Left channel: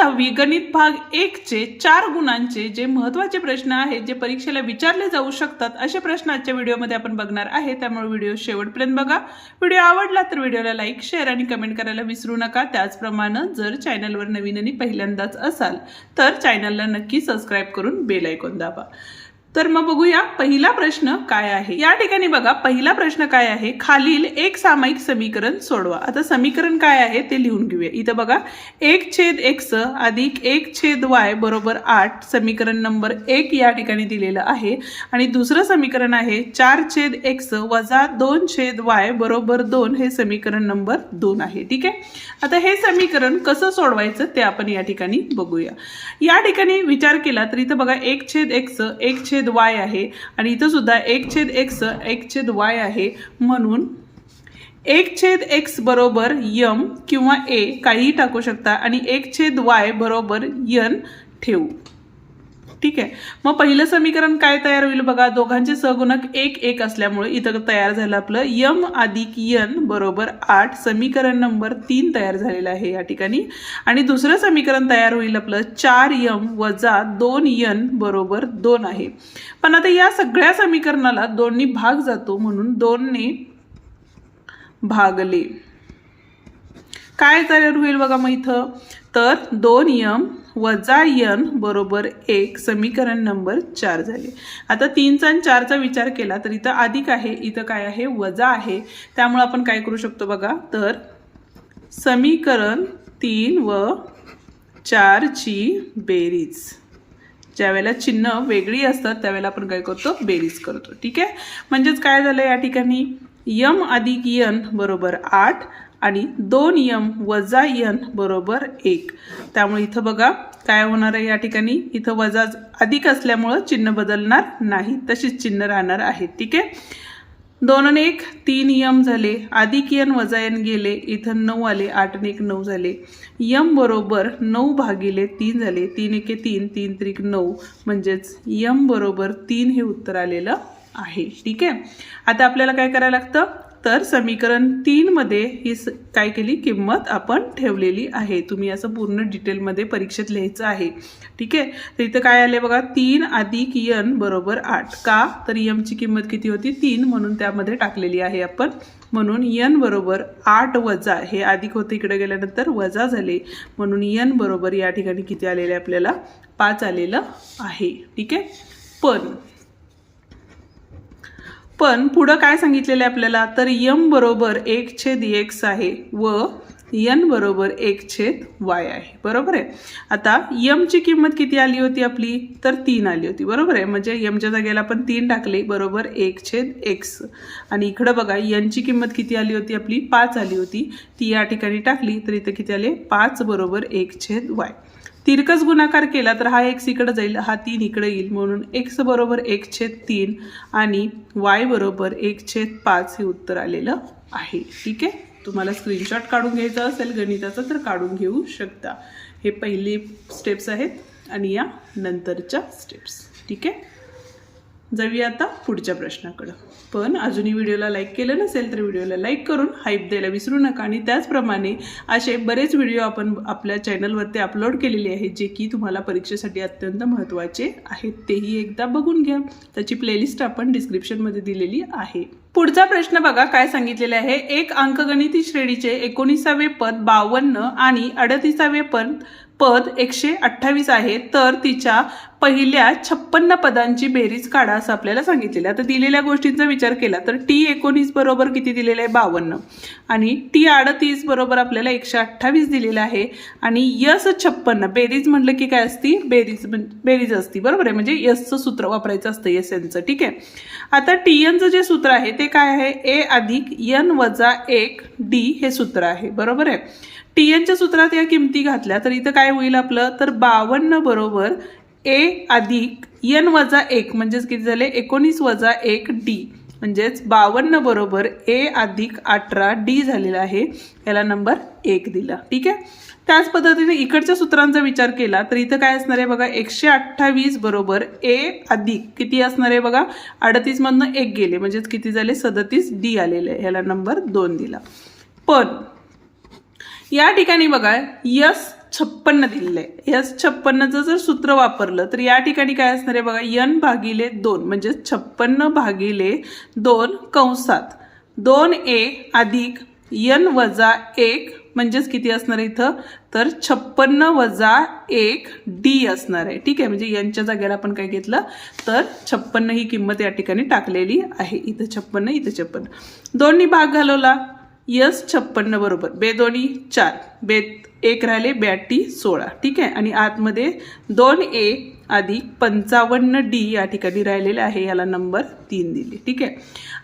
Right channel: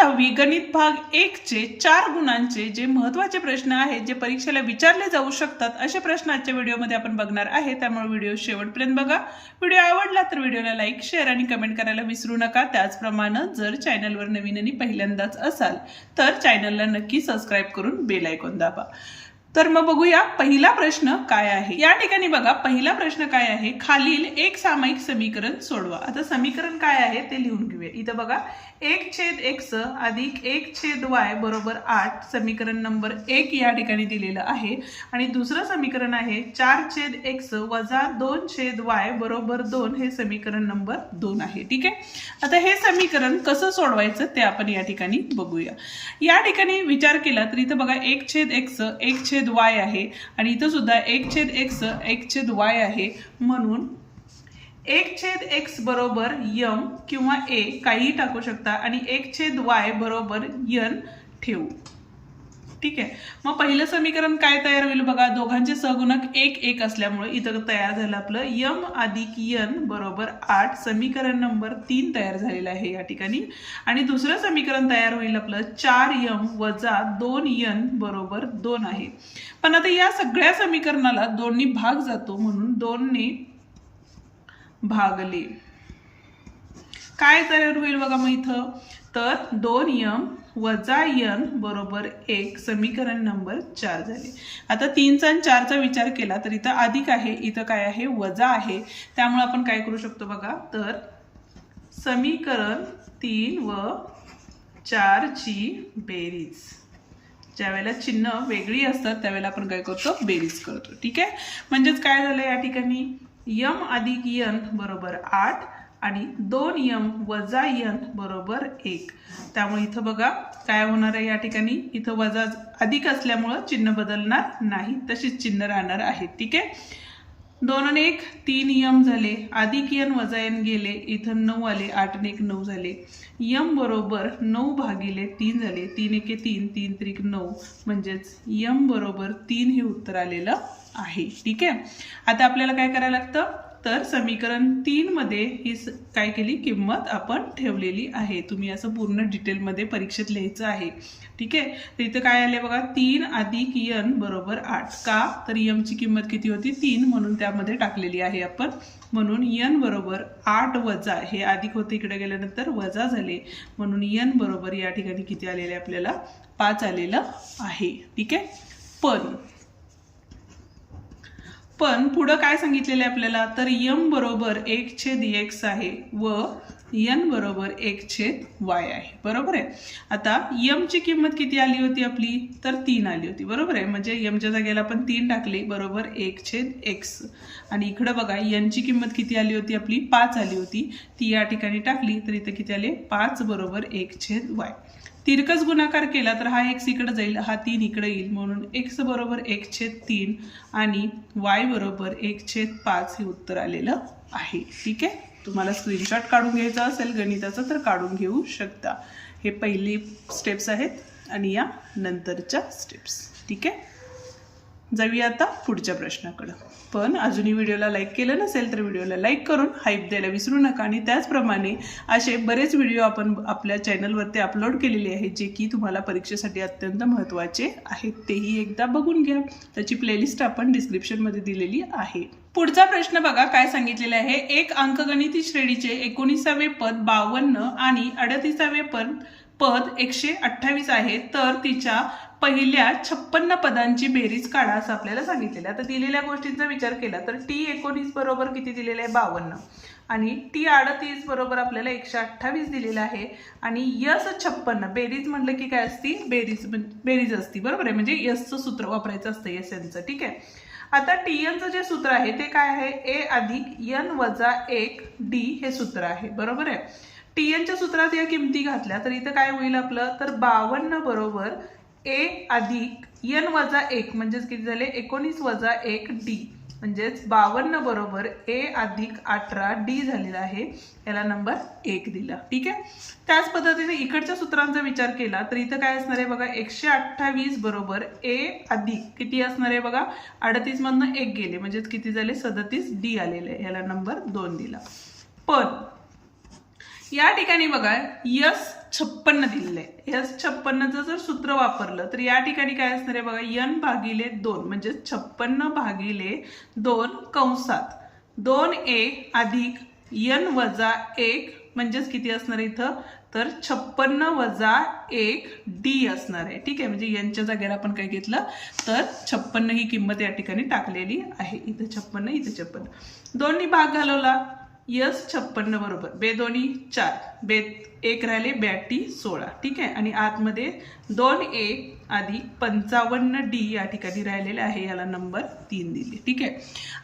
10वी गणित भाग 1 चे 4 गुणांचे जे महत्त्वाचे प्रश्न आहेत जे परीक्षेला विचारले जाऊ शकतात असे प्रश्न आजच्या व्हिडिओमध्ये आपण बघणार आहे। त्यामुळे व्हिडिओ शेवटपर्यंत बघा। व्हिडिओ आवडला तर व्हिडिओला लाईक, शेअर आणि कमेंट करायला विसरू नका। त्याचप्रमाणे जर चॅनलवर नवीन आणि पहिल्यांदाच असाल तर चॅनलला नक्की सबस्क्राइब करून बेल आयकॉन दाबा। तर मग बघूया पहिला प्रश्न काय आहे। या ठिकाणी बघा पहिला प्रश्न काय आहे, खालील एक सामायिक समीकरण सोडवा। आता समीकरण काय आहे ते लिहून घेऊया। इथं बघा 1/x अधिक 1/y बरोबर 8 समीकरण नंबर 1 या ठिकाणी दिलेलं आहे आणि दुसरं समीकरण आहे 4/x वजा 2/y बरोबर 2 हे समीकरण नंबर 2 आहे। ठीक आहे, आता हे समीकरण कसं सोडवायचं ते आपण या ठिकाणी बघूया। या ठिकाणी विचार केला तर इथं बघा 1/x 1/y आहे आणि इथं सुद्धा 1/x 1/y आहे, म्हणून 1/x बरोबर m किंवा a काही टाकू शकता आणि 1/y बरोबर n ठेवू। ठीक आहे, मग पहिलं समीकरण काय तयार होईल बघा, दोघांचे सहगुणक 1 1 असल्यामुळे इथं तयार झालं आपलं m अधिक n बरोबर 8 समीकरण नंबर 3 तयार झालेलं आहे या ठिकाणी। आणि दुसरं समीकरण तयार होईल आपलं 4m वजा 2n बरोबर 2 आहे। पण आता या सगळ्या समीकरणाला 2 ने भाग जातो म्हणून 2 ने भागले काय तयार होईल बघा मग इथं, तर 2m वजा n बरोबर 1 समीकरण नंबर 4 झाले। आता 3चा आणि 4चा विचार केला तर इथं अधिक आहे, इथं काय आहे वजा आहे, त्यामुळे आपण काय करू शकतो बघा, तर समीकरण 3 व 4 ची बेरीज, ज्यावेळेला चिन्ह वेगळी असतात त्यावेळेला आपण काय करतो बेरीज करतो। ठीक आहे, म्हणजेच काय झालं या ठिकाणी m अधिक n बरोबर 8 आणि 2m वजा n बरोबर 1, त्यामुळे इथं बघा काय होणार आहे या ठिकाणी, इथं वजा अधिक असल्यामुळे चिन्ह बदलणार नाही, तशीच चिन्ह राहणार आहे। ठीक आहे, 2 आणि 1 3m झाले, अधिक n वजा n गेले, इथं 9 आले, 8 आणि 1 9 झाले, m बरोबर 9 भागिले 3 झाले, 3 1 3 3 3 9 म्हणजेच m बरोबर 3 हे उत्तर आलेलं आहे। ठीक आहे, आता आपल्याला काय करायला लागतं, तर समीकरण 3 मध्ये ही काय केली किंमत आपण ठेवलेली आहे। तुम्ही असं पूर्ण डिटेलमध्ये परीक्षेत लिहायचं आहे। ठीक आहे, तर इथं काय आले बघा 3 अधिक n बरोबर 8, का तर m ची किंमत किती होती 3 म्हणून त्यामध्ये टाकलेली आहे आपण, म्हणून n बरोबर 8 वजा हे अधिक होते इकडे गेल्यानंतर वजा झाले, म्हणून n बरोबर या ठिकाणी किती आलेले आपल्याला 5 आलेलं आहे। ठीक आहे, पण पुढं काय सांगितलेलं आहे आपल्याला, तर m बरोबर 1/x आहे व n बरोबर 1/y आहे, बरोबर आहे। आता m ची किंमत किती आली होती आपली, तर 3 आली होती, बरोबर आहे, म्हणजे m च्या जागेला आपण 3 टाकले बरोबर 1/x आणि इकडे बघा n ची किंमत किती आली होती आपली 5 आली होती, ती या ठिकाणी टाकली तर इथं किती आले 5 बरोबर 1/y। तिरकस गुणाकार केला तर हा x इकडे जाईल, हा 3 इकडे येईल, म्हणून x बरोबर 1/3 आणि y बरोबर 1/5 हे उत्तर आलेलं आहे। ठीक आहे, तुम्हाला स्क्रीनशॉट काढून घ्यायचा असेल गणिताचा तर काढून घेऊ शकता। हे पहिली स्टेप्स आहेत आणि या नंतरच्या स्टेप्स। ठीक आहे, जाऊया आता पुढच्या प्रश्नाकडे। पण अजूनही व्हिडिओला लाईक केलं नसेल तर व्हिडिओला लाईक करून हाईप द्यायला विसरू नका आणि त्याचप्रमाणे असे बरेच व्हिडिओ आपण आपल्या चॅनलवरती अपलोड केलेले आहेत जे की तुम्हाला परीक्षेसाठी अत्यंत महत्त्वाचे आहेत, तेही एकदा बघून घ्या। त्याची प्लेलिस्ट आपण डिस्क्रिप्शनमध्ये दिलेली आहे। पुढचा प्रश्न बघा काय सांगितलेलं आहे, एक अंकगणिती श्रेणीचे 19वे पद 52 आणि 38वे पद 128 आहे, तर तिच्या पहिल्या 56 पदांची बेरीज काढा असं आपल्याला सांगितलेलं आहे। आता दिलेल्या गोष्टींचा विचार केला तर t19 बरोबर किती दिलेलं आहे 52 आणि t38 बरोबर आपल्याला 128 दिलेलं आहे आणि s56 बेरीज म्हटलं की काय असती बेरीज असती, बरोबर आहे, म्हणजे यसचं सूत्र वापरायचं असतं SNचं। ठीक आहे, आता tnचं जे सूत्र आहे ते काय आहे, a अधिक n वजा 1 d हे सूत्र आहे, बरोबर आहे। tnच्या सूत्रात या किमती घातल्या तर इथं काय होईल आपलं, तर 52 बरोबर a अधिक n वजा 1 म्हणजेच किती झाले 19 वजा 1 d, म्हणजेच 52 बरोबर a अधिक 18 d झालेला आहे, याला नंबर 1 दिला। ठीक आहे, त्याच पद्धतीने इकडच्या सूत्रांचा विचार केला तर इथं काय असणार आहे बघा 128 बरोबर a अधिक किती असणार आहे बघा 38 मधनं 1 गेले म्हणजेच किती झाले 37 d आलेले, याला नंबर 2 दिला। पण या ठिकाणी बघा यस 56 दिलेलं आहे. या 56चं जर सूत्र वापरलं तर या ठिकाणी काय असणार आहे बघा, n भागिले 2 म्हणजे 56 भागिले 2 कंसात 2a अधिक n वजा 1 म्हणजेच किती असणार आहे इथं, तर 56 वजा 1 d असणार आहे. ठीक आहे, म्हणजे यांच्या जागेला आपण काय घेतलं तर 56 ही किंमत या ठिकाणी टाकलेली आहे. इथं 56, इथं 56, दोन्ही भाग घालवला, यस 56 बरोबर, बे दोन्ही 4, बे 1 राहिले, 82 16. ठीक आहे, आणि आतमध्ये 2a अधिक 55d या ठिकाणी राहिलेले आहे, याला नंबर 3 दिले. ठीक आहे,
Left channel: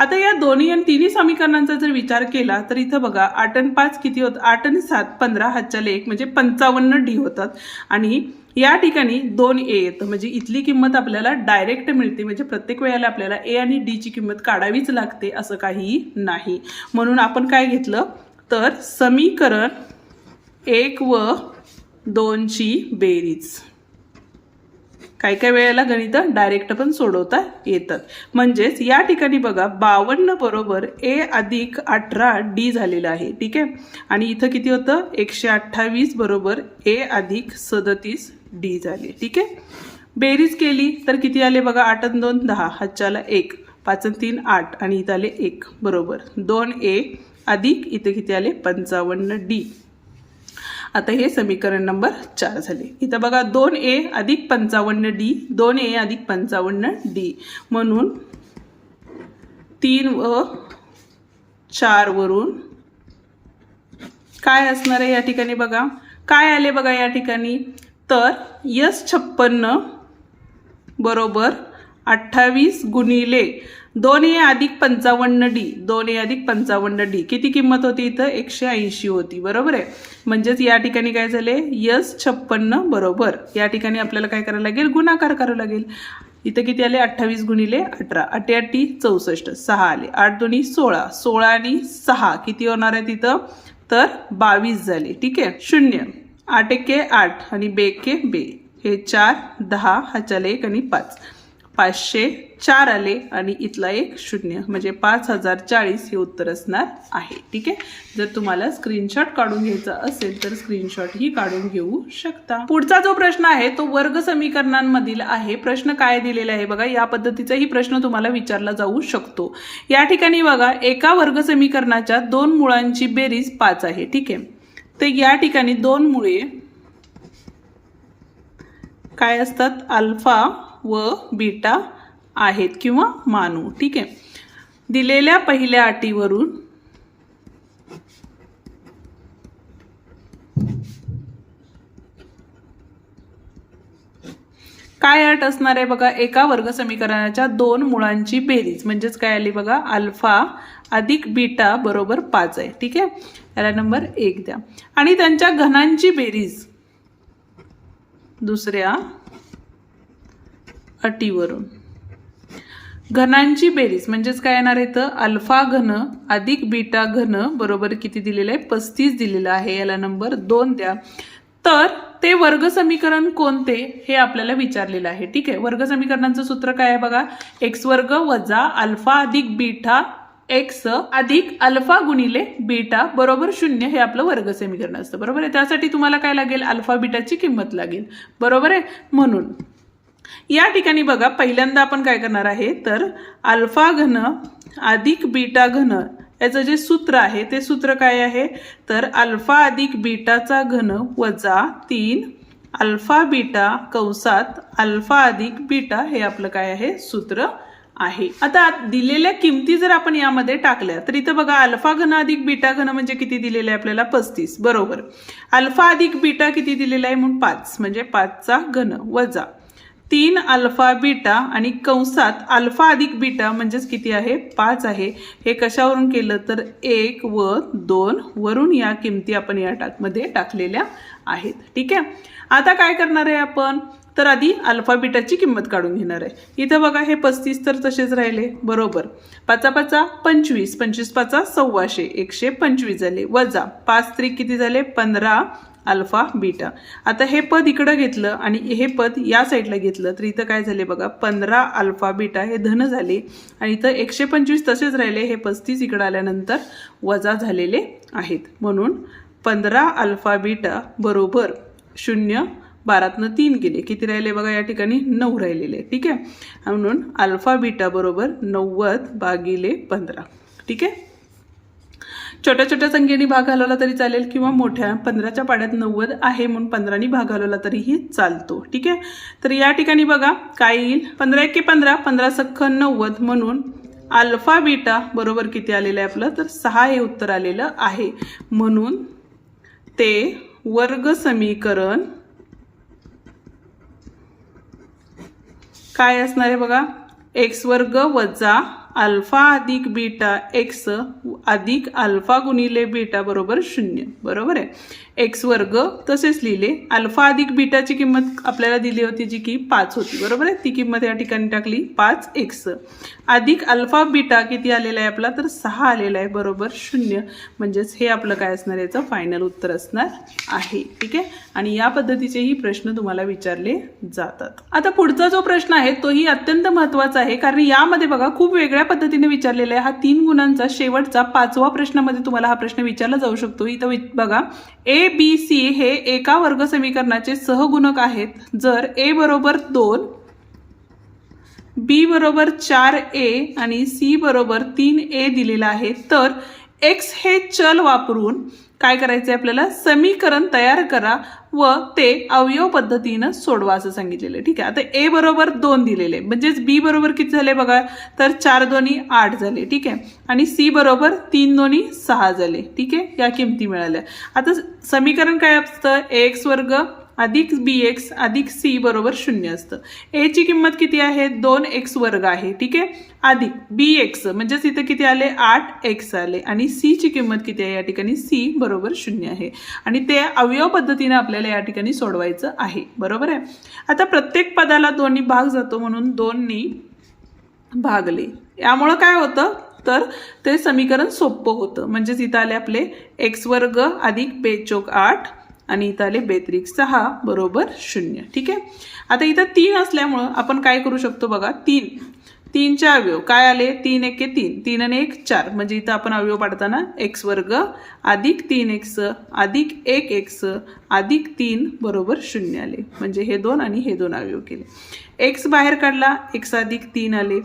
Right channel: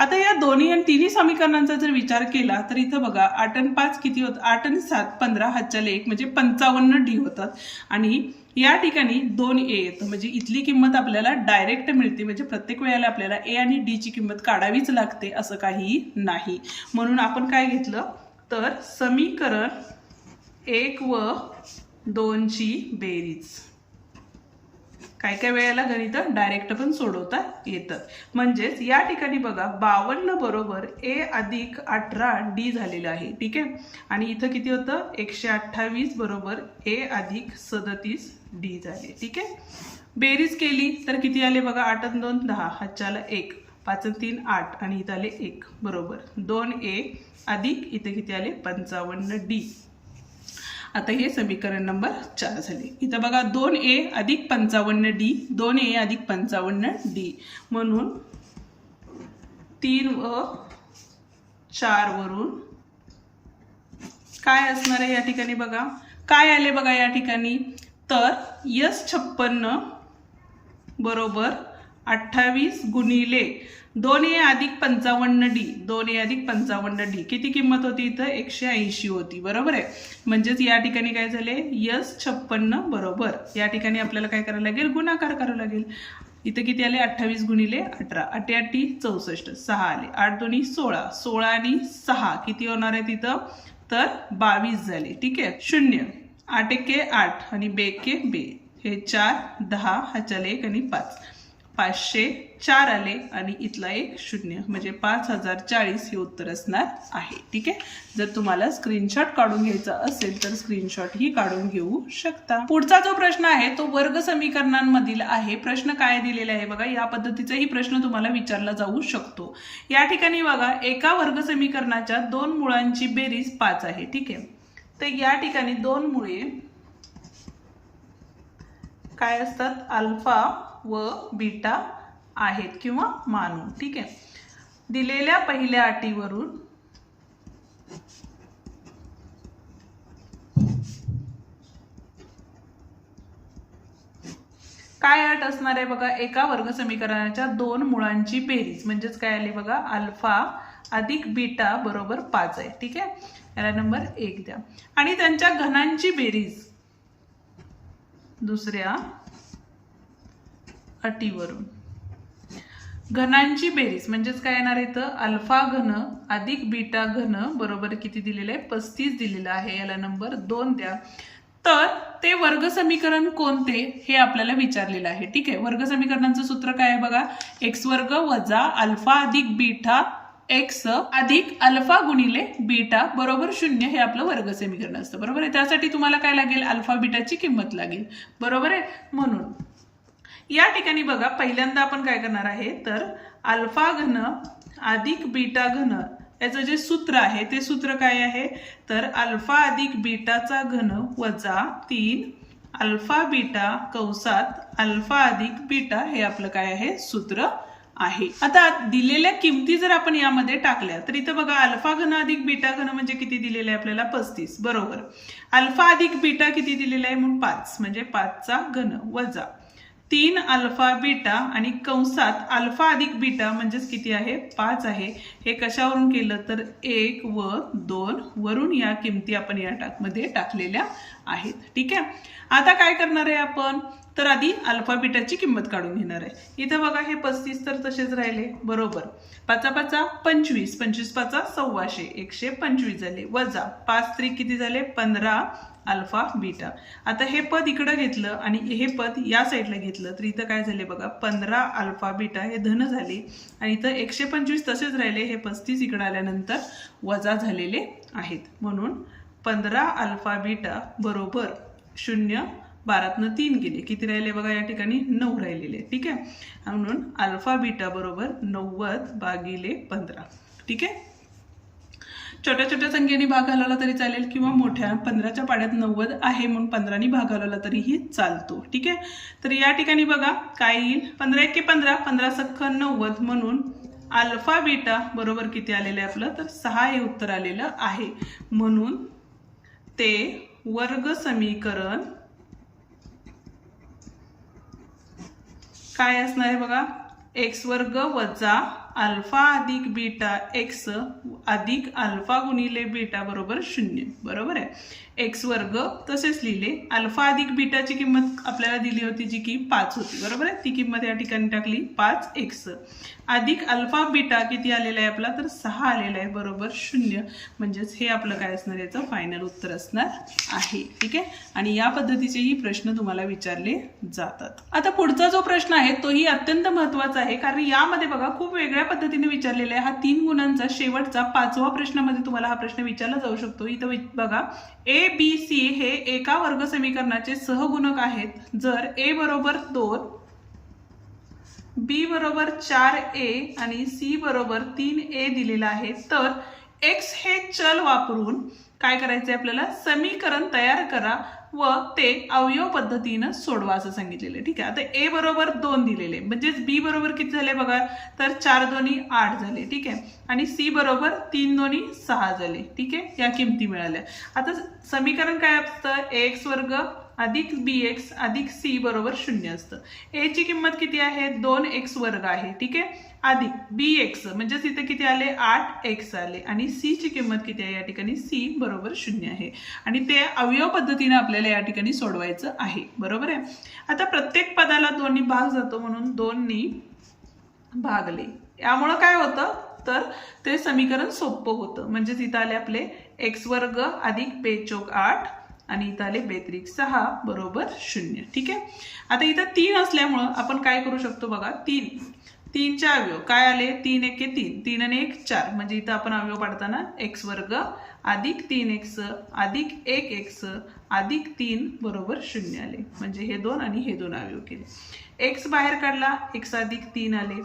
आता या दोन्ही आणि तिन्ही समीकरणांचा जर विचार केला तर इथं बघा 8 आणि 5 किती होतं, 8 आणि 7 15, हातच्याला 1 म्हणजे 55d होतात. आणि या ठिकाणी 2a येतं, म्हणजे इथली किंमत आपल्याला डायरेक्ट मिळते, म्हणजे प्रत्येक वेळेला आपल्याला a आणि d ची किंमत काढावीच लागते असं काही नाही. म्हणून आपण काय घेतलं तर समीकरण 1 व 2 ची बेरीज. काही काही वेळेला गणित डायरेक्ट पण सोडवता येतात. म्हणजेच या ठिकाणी बघा 52 बरोबर a अधिक 18d झालेलं आहे. ठीक आहे, आणि इथं किती होतं 128 बरोबर a अधिक 37d झाले. ठीक आहे, बेरीज केली तर किती आले बघा, 8 आणि 2 10, हातच्याला 1, 5 आणि 3 8, आणि इथं आले 1 बरोबर 2a अधिक इथं किती आले 55d. आता हे समीकरण नंबर 4 झाले. इथं बघा 2a अधिक 55d, 2a अधिक 55d, म्हणून 3 व 4 वरून काय असणार आहे या ठिकाणी बघा, काय आले बघा या ठिकाणी, तर यस 56 बरोबर 28 गुणिले 2a अधिक 55d, 2a अधिक 55d किती किंमत होती इथं 180 होती. बरोबर आहे, म्हणजेच या ठिकाणी काय झाले, यस 56 बरोबर या ठिकाणी आपल्याला काय करायला लागेल, गुणाकार करावं लागेल. इथं किती आले 28 गुणिले 18, 8 8 64, 6 आले, 8 2 16, 16 आणि 6 किती होणार आहे तिथं, तर 22 झाले. ठीक आहे, 0 8 1 8 आणि 2 1 2, हे 4 10, हाच्याला 1 आणि 5, 504 आले, आणि इथला 1 0, म्हणजे 5040 हे उत्तर असणार आहे. ठीक आहे, जर तुम्हाला स्क्रीनशॉट काढून घ्यायचा असेल तर स्क्रीनशॉट ही काढून घेऊ शकता. पुढचा जो प्रश्न आहे तो वर्ग समीकरणांमधील आहे. प्रश्न काय दिलेला आहे बघा, या पद्धतीचाही प्रश्न तुम्हाला विचारला जाऊ शकतो. या ठिकाणी बघा एका वर्ग समीकरणाच्या 2 मुळांची बेरीज 5 आहे. ठीक आहे, तर या ठिकाणी 2 मुळे काय असतात, अल्फा व बीटा आहेत किंवा मानू. ठीक आहे, दिलेल्या पहिल्या अटीवरून काय अट असणार आहे बघा, एका वर्ग समीकरणाच्या 2 मुळांची बेरीज म्हणजेच काय आली बघा, अल्फा अधिक बीटा बरोबर 5 आहे. ठीक आहे, याला नंबर 1 द्या, आणि त्यांच्या घनांची बेरीज दुसऱ्या अटीवरून. घनांची बेरीज म्हणजेच काय येणार आहे तर अल्फा घन अधिक बीटा घन बरोबर किती दिलेलं आहे, 35 दिलेलं आहे, याला नंबर 2 द्या. तर ते वर्ग समीकरण कोणते हे आपल्याला विचारलेलं आहे. ठीक आहे, वर्ग समीकरणाचं सूत्र काय आहे बघा, एक्स वर्ग वजा अल्फा अधिक बीटा एक्स अधिक अल्फा गुणिले बीटा बरोबर 0 हे आपलं वर्ग समीकरण असतं. बरोबर आहे, त्यासाठी तुम्हाला काय लागेल, अल्फा बीटाची किंमत लागेल. बरोबर आहे, म्हणून या ठिकाणी बघा पहिल्यांदा आपण काय करणार आहे तर अल्फा घन अधिक बीटा घन याचं जे सूत्र आहे ते सूत्र काय आहे तर अल्फा अधिक बीटाचा घन वजा 3 अल्फा बीटा कंसात अल्फा अधिक बीटा हे आपलं काय आहे सूत्र आहे. आता दिलेल्या किमती जर आपण यामध्ये टाकल्या तर इथं बघा अल्फा घन अधिक बीटा घन म्हणजे किती दिलेलं आहे आपल्याला 35 बरोबर. अल्फा अधिक बीटा किती दिलेला आहे म्हणून 5 म्हणजे 5 चा घन वजा 3 अल्फा बीटा आणि कंसात अल्फा अधिक बीटा म्हणजेच किती आहे 5 आहे. हे कशावरून केलं तर 1 व 2 वरून या किमती आपण या मध्ये टाकलेल्या आहेत. ठीक आहे, आता काय करणार आहे आपण तर आधी अल्फा बीटाची किंमत काढून घेणार आहे. इथं बघा हे 35 तर तसेच राहिले बरोबर. 5 5 25 25 5 125 125 झाले वजा 5 3 किती झाले 15 अल्फा बीटा. आता हे पद इकडं घेतलं आणि हे पद या साईडला घेतलं तर इथं काय झाले बघा 15 अल्फा बीटा हे धन झाले आणि इथं 125 तसेच राहिले. हे 35 इकडं आल्यानंतर वजा झालेले आहेत म्हणून 15 अल्फा बीटा बरोबर शून्य 12तनं 3 गेले, किती राहिले बघा या ठिकाणी 9 राहिलेले. ठीक आहे, म्हणून अल्फा बीटा बरोबर 90/15. ठीक आहे, छोट्या छोट्या संख्येने भाग घालवला तरी चालेल किंवा मोठ्या 15च्या पाड्यात 90 आहे म्हणून 15नी भाग घालवला तरीही चालतो. ठीक आहे, तर या ठिकाणी बघा काय येईल, 15 × 15 15 सख्ख 90 म्हणून अल्फा बीटा बरोबर किती आलेलं आहे आपलं, तर 6 हे उत्तर आलेलं आहे. म्हणून ते वर्ग समीकरण काय असणार आहे बघा, एक्स वर्ग वजा अल्फा अधिक बीटा एक्स अधिक अल्फा गुणिले बीटा बरोबर 0. बरोबर आहे, एक्स वर्ग तसेच लिहिले. अल्फा अधिक बीटाची किंमत आपल्याला दिली होती जी की 5 होती. बरोबर आहे, ती किंमत या ठिकाणी टाकली 5x अधिक अल्फा बीटा किती आलेला आहे आपला, तर 6 आलेला आहे बरोबर 0. म्हणजेच हे आपलं काय असणार, याचं फायनल उत्तर असणार आहे. ठीक आहे, आणि या पद्धतीचेही प्रश्न तुम्हाला विचारले जातात. आता पुढचा जो प्रश्न आहे तोही अत्यंत महत्त्वाचा आहे, कारण यामध्ये बघा खूप वेगळ्या पद्धतीने विचारलेला आहे. हा 3 गुणांचा शेवटचा 5वा प्रश्नामध्ये तुम्हाला हा प्रश्न विचारला जाऊ शकतो. इथं बघा ए बी सी हे एका वर्ग समीकरणाचे सहगुणक आहेत. जर ए बरोबर 2, बी बरोबर 4a आणि सी बरोबर 3a दिलेला आहे, तर एक्स हे चल वापरून काय करायचे आपल्याला, समीकरण तयार करा व ते अवयव पद्धतीनं सोडवा असं सांगितलेलं आहे. ठीक आहे, आता ए बरोबर 2 दिलेले, म्हणजेच बी बरोबर किती झाले बघा, तर 4 2 8 झाले. ठीक आहे, आणि सी बरोबर 3 2 6 झाले. ठीक आहे, या किमती मिळाल्या. आता समीकरण काय असतं, एक्स वर्ग अधिक बी एक्स अधिक सी बरोबर 0 असतं. ए ची किंमत किती आहे, 2x वर्ग आहे. ठीक आहे, अधिक बी एक्स म्हणजेच इथं किती आले, 8x आले. आणि सी ची किंमत किती आहे या ठिकाणी, सी बरोबर 0 आहे. आणि ते अवयव पद्धतीने आपल्याला या ठिकाणी सोडवायचं आहे. बरोबर आहे, आता प्रत्येक पदाला 2नी भाग जातो म्हणून 2नी भागले. यामुळं काय होतं, तर ते समीकरण सोपं होतं. म्हणजेच इथं आले आपले एक्स वर्ग अधिक बेचोक 8 आणि इथं आले बेत्रिक 6 बरोबर 0. ठीक आहे, आता इथं 3 असल्यामुळं आपण काय करू शकतो बघा, 3चे अवयव काय आले, 3 1 3, 3 आणि 1 4. म्हणजे इथं आपण अवयव पाडताना एक्स वर्ग अधिक 3x अधिक 1x अधिक 3 बरोबर 0 आले. म्हणजे हे 2 आणि हे 2 अवयव केले. एक्स बाहेर काढला, x अधिक 3 आले,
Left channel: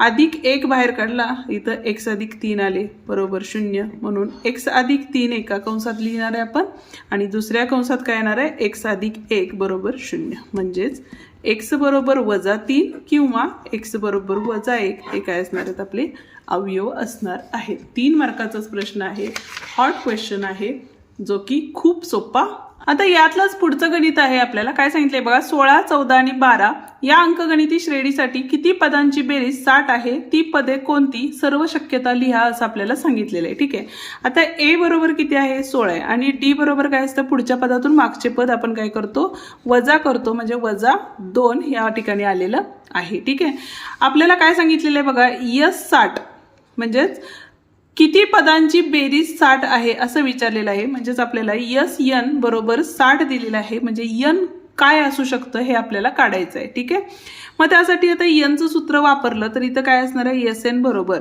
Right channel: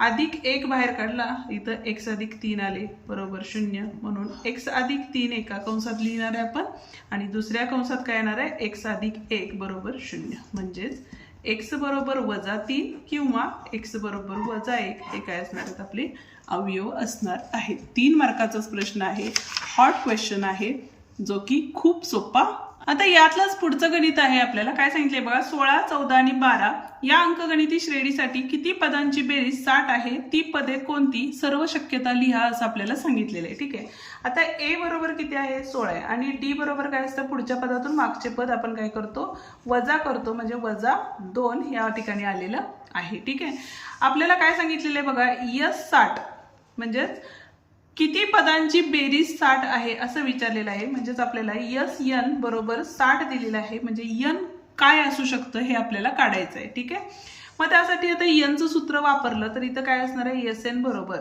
अधिक 1 बाहेर काढला, इथं x अधिक 3 आले बरोबर 0. म्हणून x अधिक 3 एका कंसात लिहिणार आहे आपण आणि दुसऱ्या कंसात काय येणार आहे, x अधिक 1 बरोबर 0. म्हणजेच x बरोबर -3 किंवा x बरोबर -1 हे काय असणार आहेत, आपले अवयव असणार आहेत. 3 मार्काचाच प्रश्न आहे, हॉट क्वेश्चन आहे, जो की खूप सोपा. आता यातलंच पुढचं गणित आहे. आपल्याला काय सांगितलंय बघा, 16 14 आणि 12 या अंकगणिती श्रेणीसाठी किती पदांची बेरीज 60 आहे, ती पदे कोणती, सर्व शक्यता लिहा असं आपल्याला सांगितलेलं आहे. ठीक आहे, आता ए बरोबर किती आहे, 16 आहे आणि डी बरोबर काय असतं, पुढच्या पदातून मागचे पद आपण काय करतो, वजा करतो. म्हणजे -2 या ठिकाणी आलेलं आहे. ठीक आहे, आपल्याला काय सांगितलेलं आहे बघा, यस 60 म्हणजेच किती पदांची बेरीज 60 आहे असं विचारलेलं आहे. म्हणजेच आपल्याला यस n बरोबर 60 दिलेलं आहे. म्हणजे n काय असू शकतं हे आपल्याला काढायचं आहे. ठीक आहे, मग त्यासाठी आता nचं सूत्र वापरलं तर इथं काय असणार आहे, Sn बरोबर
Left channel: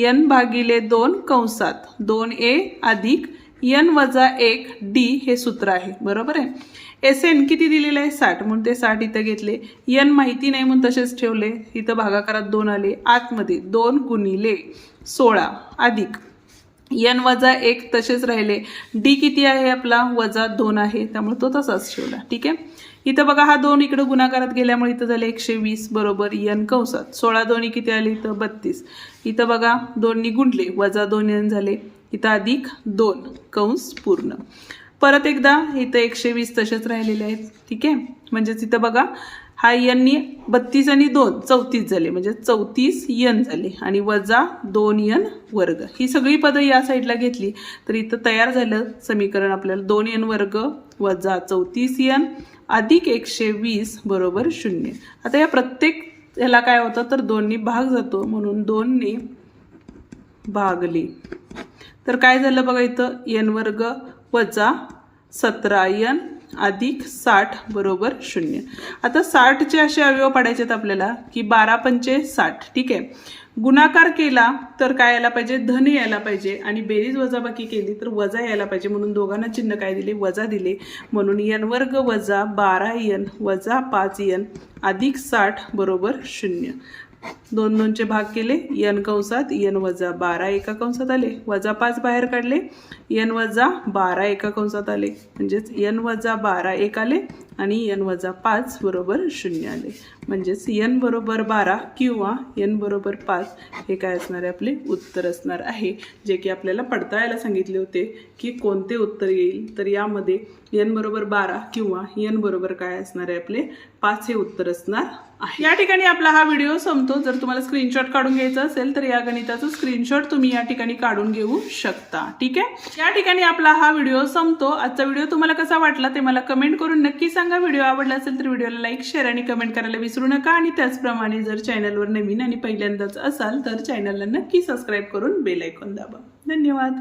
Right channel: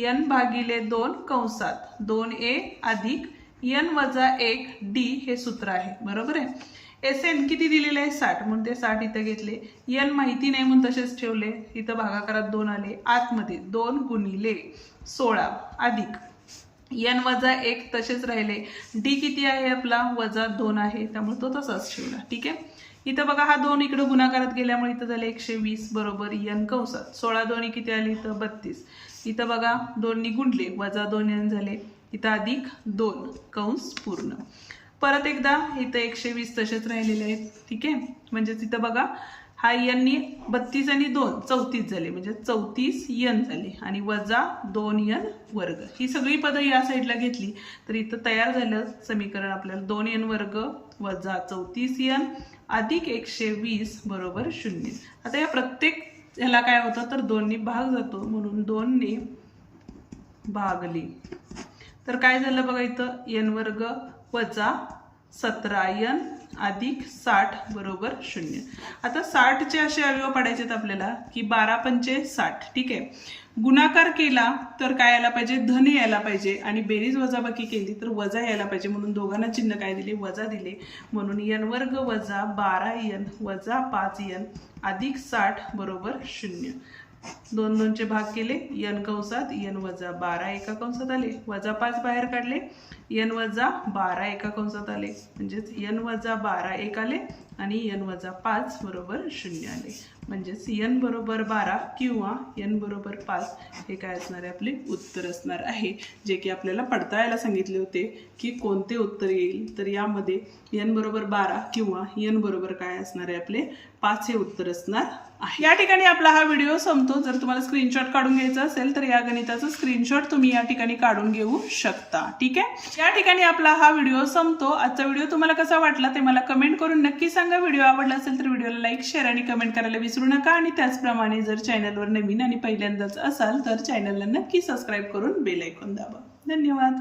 n भागिले 2 कंसात 2a अधिक n वजा 1 d हे सूत्र आहे. बरोबर आहे, Sn किती दिलेलं आहे, 60, म्हणून ते 60 इथं घेतले. n माहिती नाही म्हणून तसेच ठेवले. इथं भागाकारात 2 आले, आतमध्ये 2 गुणिले 16 अधिक n वजा 1 तसेच राहिले. डी किती आहे आपला, -2 आहे, त्यामुळे तो तसाच ठेवला. ठीक आहे, इथं बघा हा 2 इकडे गुणाकारात गेल्यामुळे इथं झाले 120 बरोबर n कंसात 16 2 किती आले, इथं 32. इथं बघा 2नी गुणले, -2 n झाले, इथं अधिक 2 कंस पूर्ण. परत एकदा इथं 120 तसेच राहिलेले आहेत. ठीक आहे, म्हणजेच इथं बघा हा n 32 आणि 2 34 झाले, म्हणजे 34 n झाले आणि -2n वर्ग. ही सगळी पदं या साईडला घेतली तर इथं तयार झालं समीकरण आपल्याला 2n वर्ग वजा 34n अधिक 120 बरोबर 0. आता या प्रत्येक ह्याला काय होतं तर 2नी भाग जातो म्हणून 2नी भागले. तर काय झालं बघा, इथं n वर्ग वजा 17n अधिक 60 बरोबर 0. आता 60चे असे अवयव पाडायचे आहेत आपल्याला की 12 पंचे 60. ठीक आहे. गुणाकार केला तर काय यायला पाहिजे, धन यायला पाहिजे, आणि बेरीज वजाबाकी केली तर वजा यायला पाहिजे. म्हणून दोघांना चिन्ह काय दिले, वजा दिले. म्हणून n वर्ग वजा 12n वजा 5n अधिक 60 बरोबर 0. 2 2चे भाग केले, n कंसात n वजा 12 एका कंसात आले, वजा 5 बाहेर काढले, n वजा 12 एका कंसात आले, म्हणजेच n वजा 12 एक आले आणि n वजा 5 बरोबर 0 आले. म्हणजेच n बरोबर 12 किंवा n बरोबर 5 हे काय असणार आहे, आपले उत्तर असणार आहे. जे की आपल्याला पडताळायला सांगितले होते की कोणते उत्तर येईल. तर यामध्ये n बरोबर 12 किंवा n बरोबर काय असणार आहे, आपले 5 हे उत्तर असणार आहे. या ठिकाणी आपला हा व्हिडिओ संपतो. जर तुम्हाला स्क्रीनशॉट काढून घ्यायचा असेल तर या गणिताचं स्क्रीनशॉट तुम्ही या ठिकाणी काढून घेऊ शकता. ठीक आहे. या ठिकाणी आपला हा व्हिडिओ संपतो. आजचा व्हिडिओ तुम्हाला कसा वाटला ते मला कमेंट करून नक्की सांगा. व्हिडिओ आवडला असेल तर व्हिडिओला लाईक, शेअर आणि कमेंट करायला विसरू नका. आणि त्याचप्रमाणे जर चॅनलवर नवीन आणि पहिल्यांदाच असाल तर चॅनलला नक्की सबस्क्राईब करून बेल आयकॉन दाबा. धन्यवाद.